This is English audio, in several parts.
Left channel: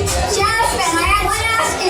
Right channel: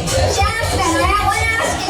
Jasmine, I want to ask you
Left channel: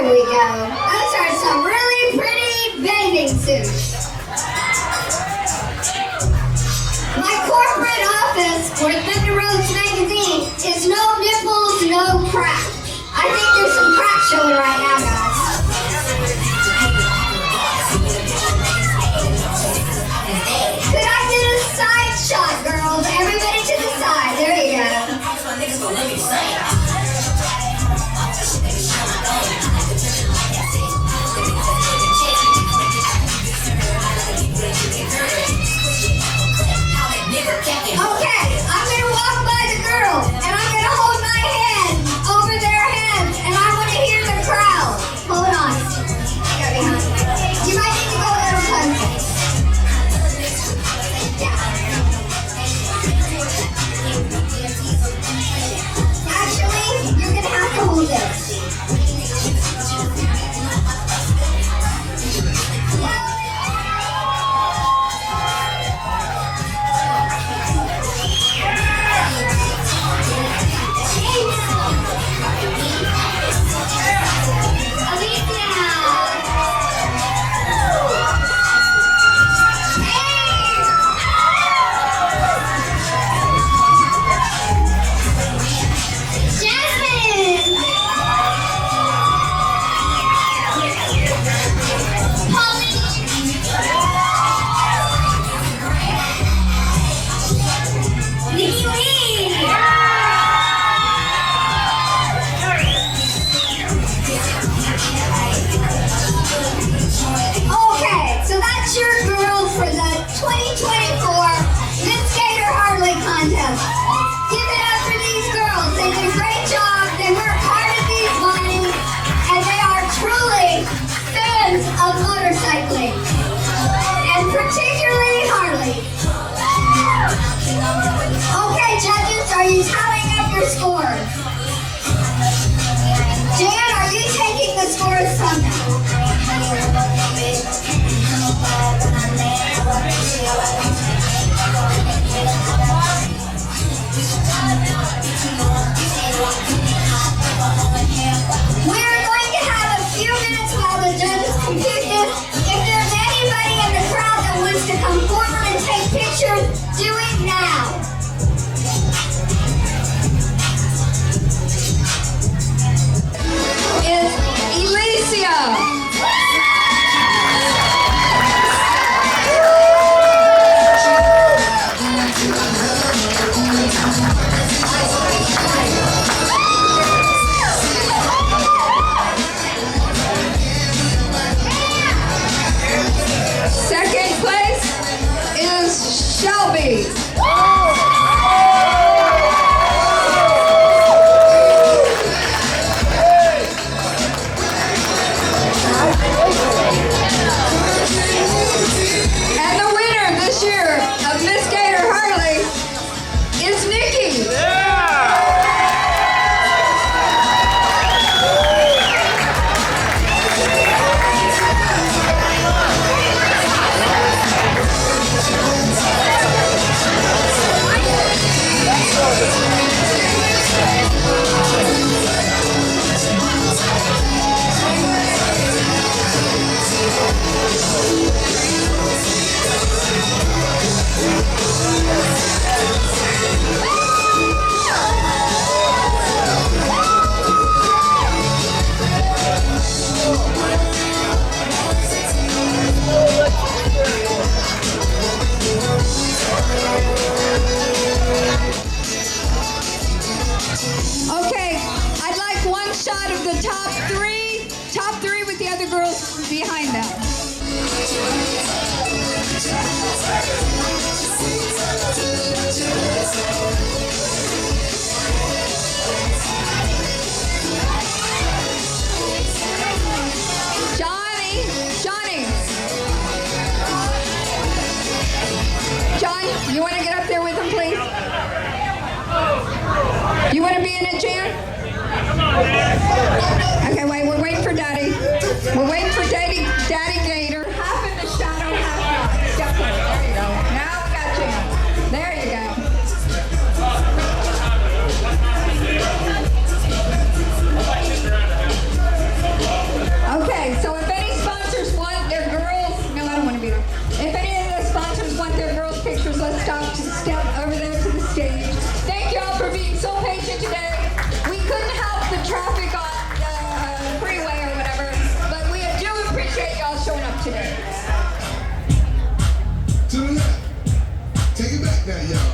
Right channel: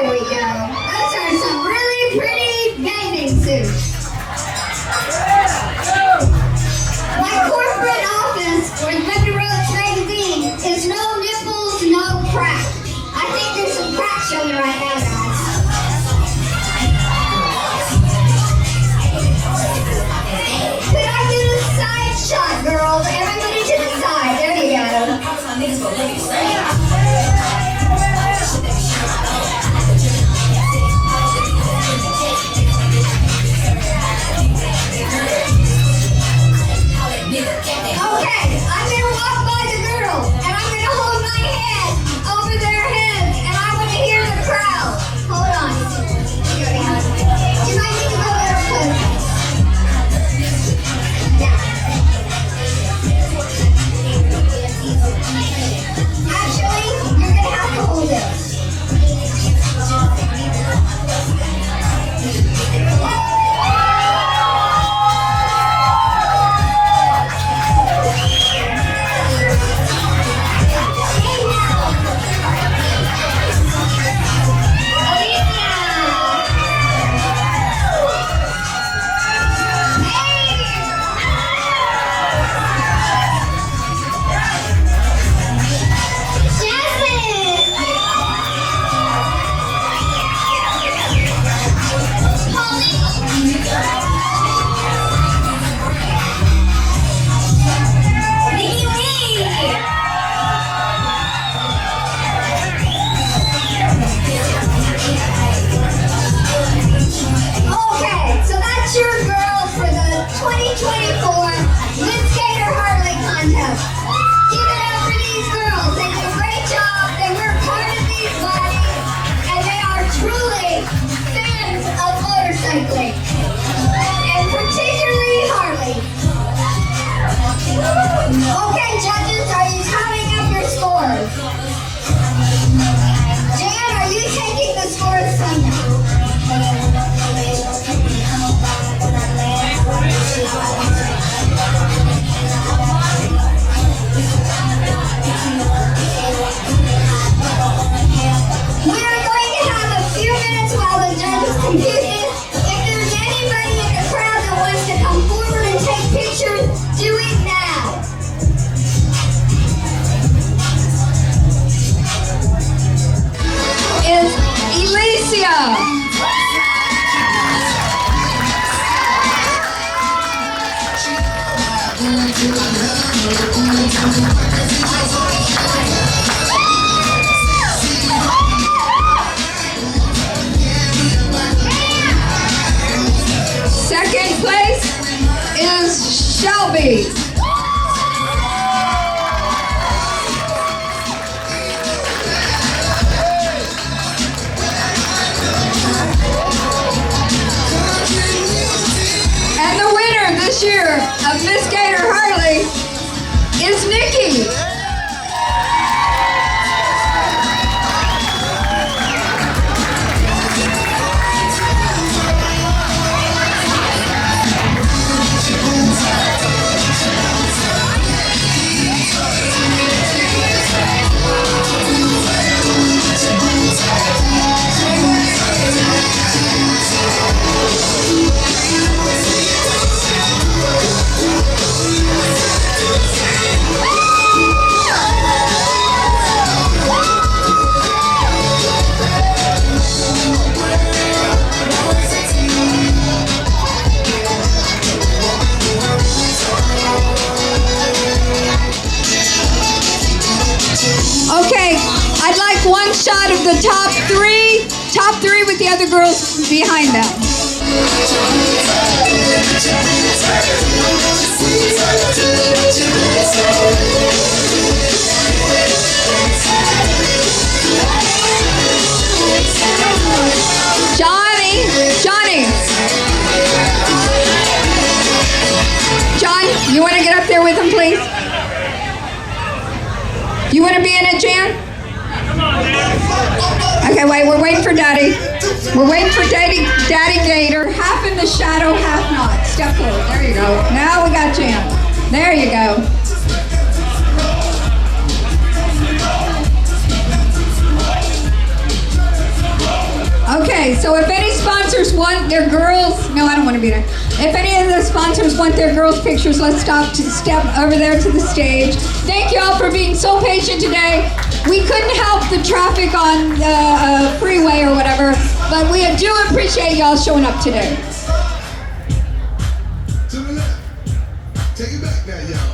There we go. Those are some really pretty bathing suits. My corporate office for Thunder Roads magazine is no nipples, no crack. I think there's some crack showing right now, guys. Could I get a side shot, girls? Everybody to the side. There you go. Okay, I'm gonna walk by the girls and I'm gonna hold my hand over their heads and I want to hear the crowd. Hold on. You might need to go a little closer. Yeah. Actually, you're gonna have to hold this. Your girls for the 2024 Leesburg Harley Contest. Give it up for these girls. They do a great job. They work hard at these bodies, and they are truly fans of motorcycling, and particularly Harley. Okay, judges, are you tallying up your scores? Jan, are you taking the scores from them? We are going to have a few minutes while the judges compute this. If there's anybody in the crowd that wants to come forward and take pictures, do it now. Is Alicia. Second place is Shelby. And the winner this year of Miss Gator Harley is Nikki. Okay, I'd like one shot of the top three with the other girls behind them. Johnny, John, you want to get up there with him, please? You want to be in it, Jan? Okay, wait, we're waiting for Daddy. We're waiting for Daddy Gator. Half in the shadow, half not. Step forward. There you go. Now we got Jan. There you go. Okay, so if any sponsors want their girls, no, I don't want to be there. If any of the sponsors want their girls' pictures, let's step over there to the stage. Thank you all for being so patient today. We couldn't help the traffic on the freeway or whatever, but we do appreciate y'all showing up today. To the left. Take it back now, y'all.